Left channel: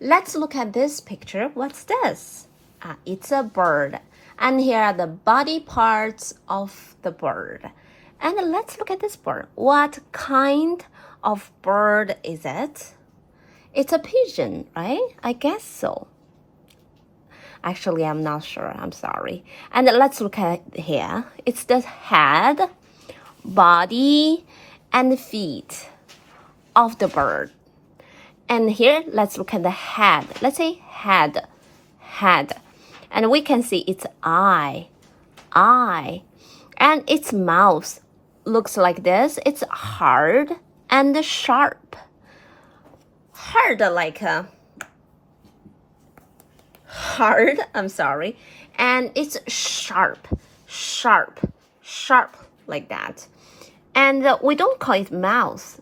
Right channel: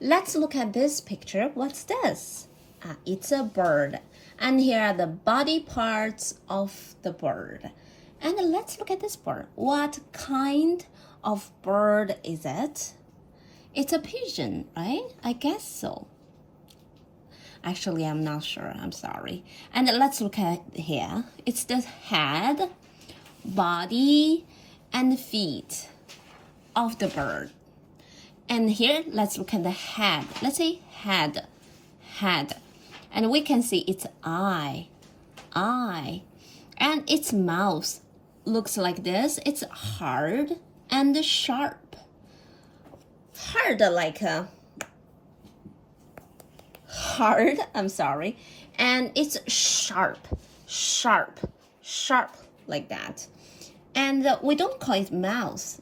Let's look at this picture. What's this? It's a bird. And here are the body parts of the bird. And let's look at this bird. What kind of bird is it? It's a pigeon, right? I guess so. Actually, I'm not sure. I'm sorry. And let's look at here. It's the head, body, and feet of the bird. And here, let's look at the head. Let's say head. And we can see its eye. And its mouth looks like this. It's hard and sharp. Hard like a... hard, I'm sorry. And it's sharp like that. And we don't call it mouth.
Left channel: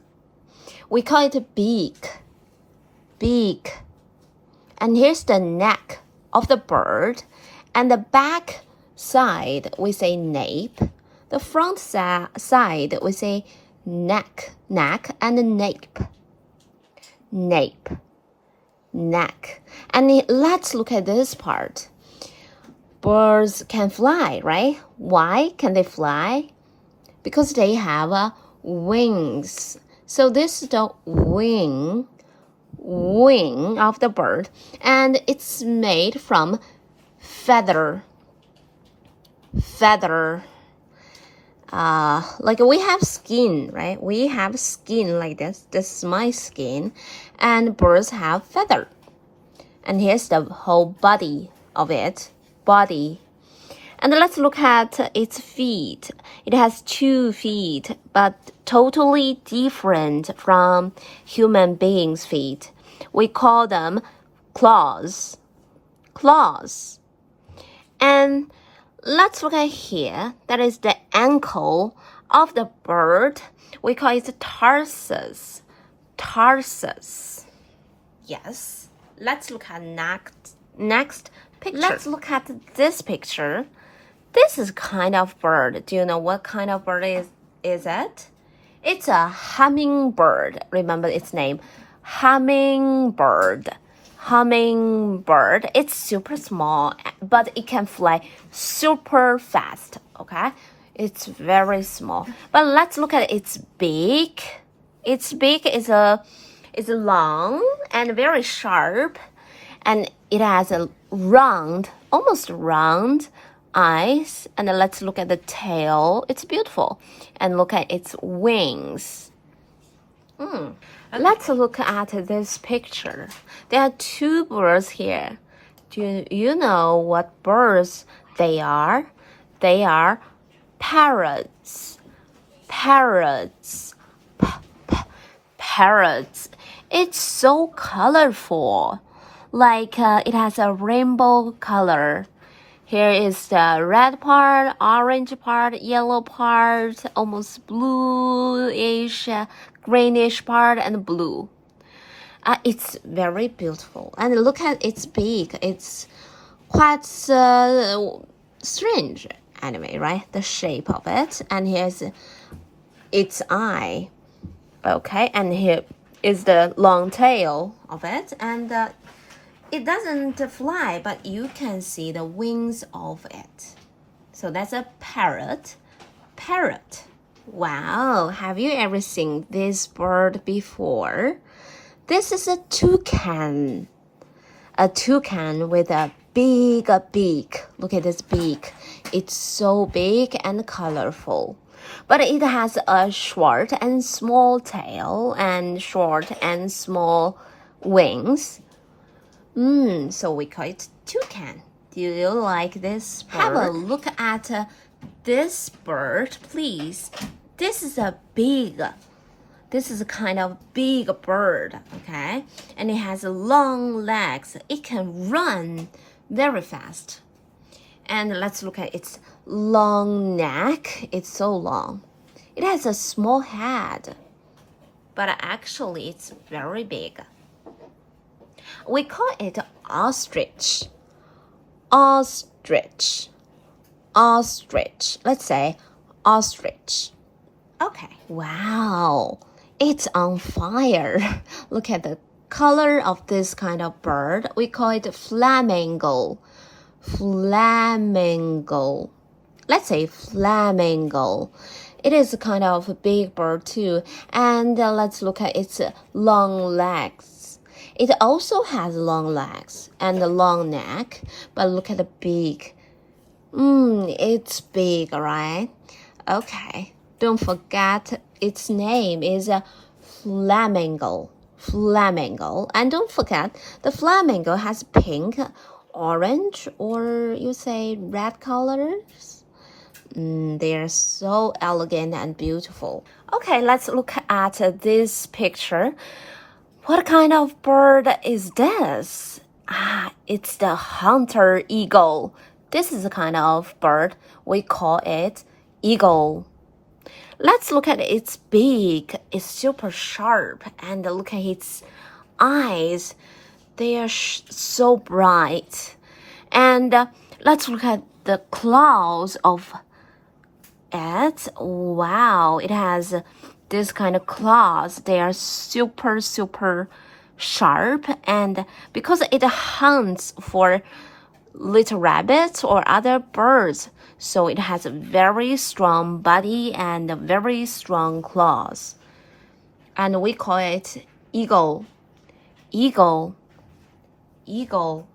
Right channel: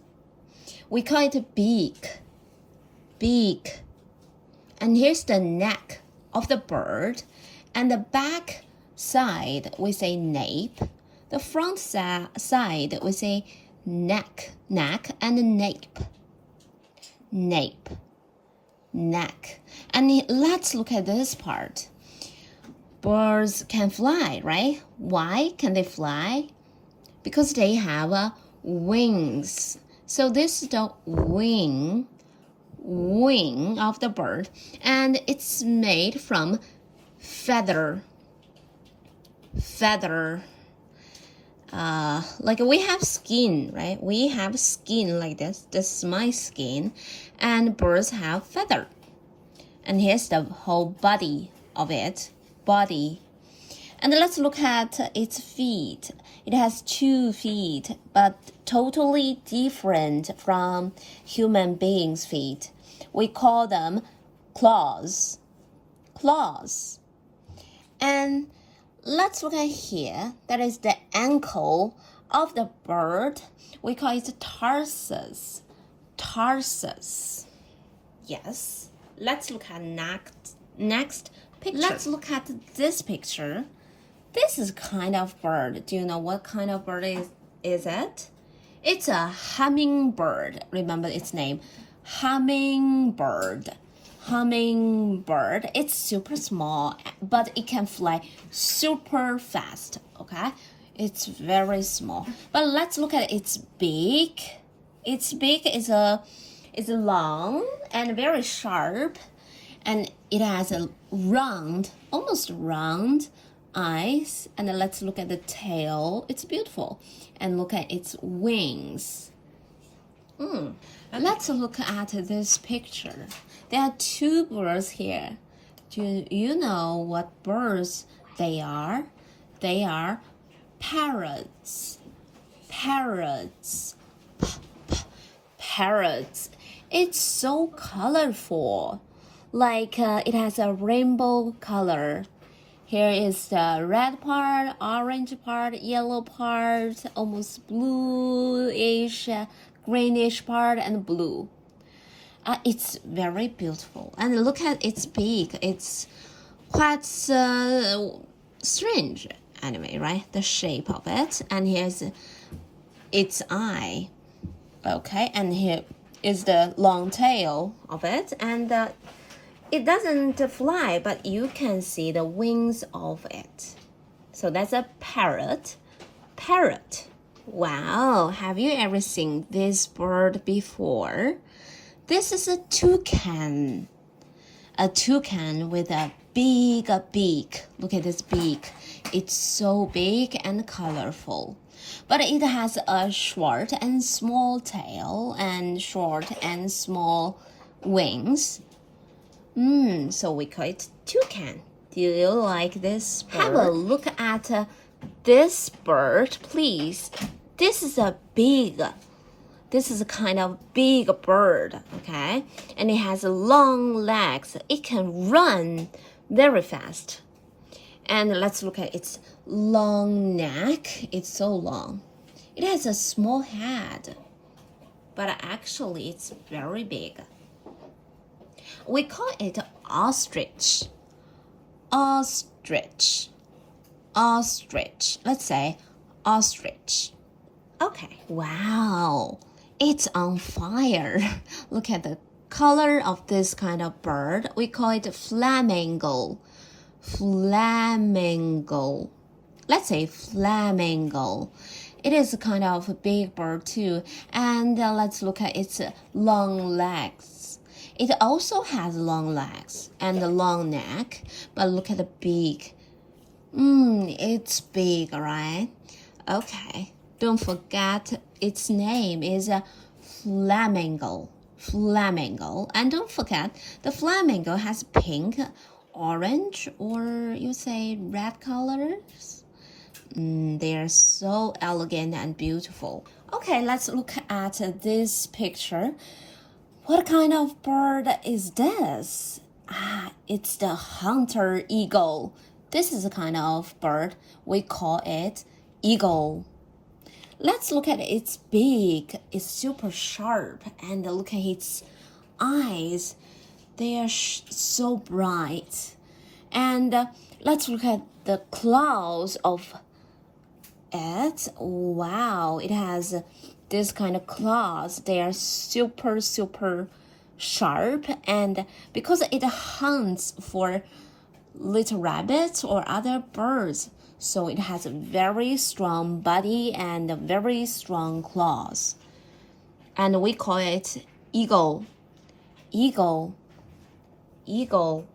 We call it beak. And here's the neck of the bird. And the back side, we say nape. The front side, we say neck and nape. Neck. And let's look at this part. Birds can fly, right? Why can they fly? Because they have wings. So this is the wing of the bird, and it's made from feather. Like we have skin, right? We have skin like this. This is my skin, and birds have feather. And here's the whole body of it. And let's look at its feet. It has 2 feet, but totally different from human beings' feet. We call them claws. And let's look at here. That is the ankle of the bird. We call it tarsus. Yes. Let's look at next picture. Let's look at this picture. This is kind of bird. Do you know what kind of bird is it? It's a hummingbird. Remember its name. Hummingbird. It's super small, but it can fly super fast, okay? It's very small. But let's look at its beak. Its beak is long and very sharp, and it has a almost round eyes. And let's look at the tail. It's beautiful. And look at its wings. Let's look at this picture. There are 2 birds here. Do you know what birds they are? They are parrots. Parrots. It's so colorful. Like it has a rainbow color. Here is the red part, orange part, yellow part, almost bluish, greenish part, and blue. It's very beautiful. And look at its beak. It's quite strange anyway, right? The shape of it. And here's its eye. Okay, and here is the long tail of it. And it doesn't fly, but you can see the wings of it. So that's a parrot. Wow, have you ever seen this bird before? This is a toucan. A toucan with a big beak. Look at this beak. It's so big and colorful. But it has a short and small tail and short and small wings. So we call it toucan. Do you like this bird? Have a look at this bird, please. This is a kind of big bird, okay? And it has long legs. It can run very fast. And let's look at its long neck. It's so long. It has a small head, but actually it's very big. We call it ostrich. Let's say ostrich. Okay, wow. It's on fire. Look at the color of this kind of bird, we call it flamingo. Flamingo. Let's say flamingo. It is a kind of a big bird too. And let's look at its long legs. It also has long legs and a long neck, but look at the beak. It's big, right? Okay. Don't forget its name is flamingo. Flamingo. And don't forget, the flamingo has pink, orange, or you say red colors. They are so elegant and beautiful. Okay, let's look at this picture. What kind of bird is this? It's the hunter eagle. This is a kind of bird. We call it eagle. Let's look at its beak. It's super sharp. And look at its eyes. They are so bright. And let's look at the claws of it. Wow, it has this kind of claws. They are super sharp, and because it hunts for little rabbits or other birds, so it has a very strong body and very strong claws. And we call it eagle. Eagle. Eagle.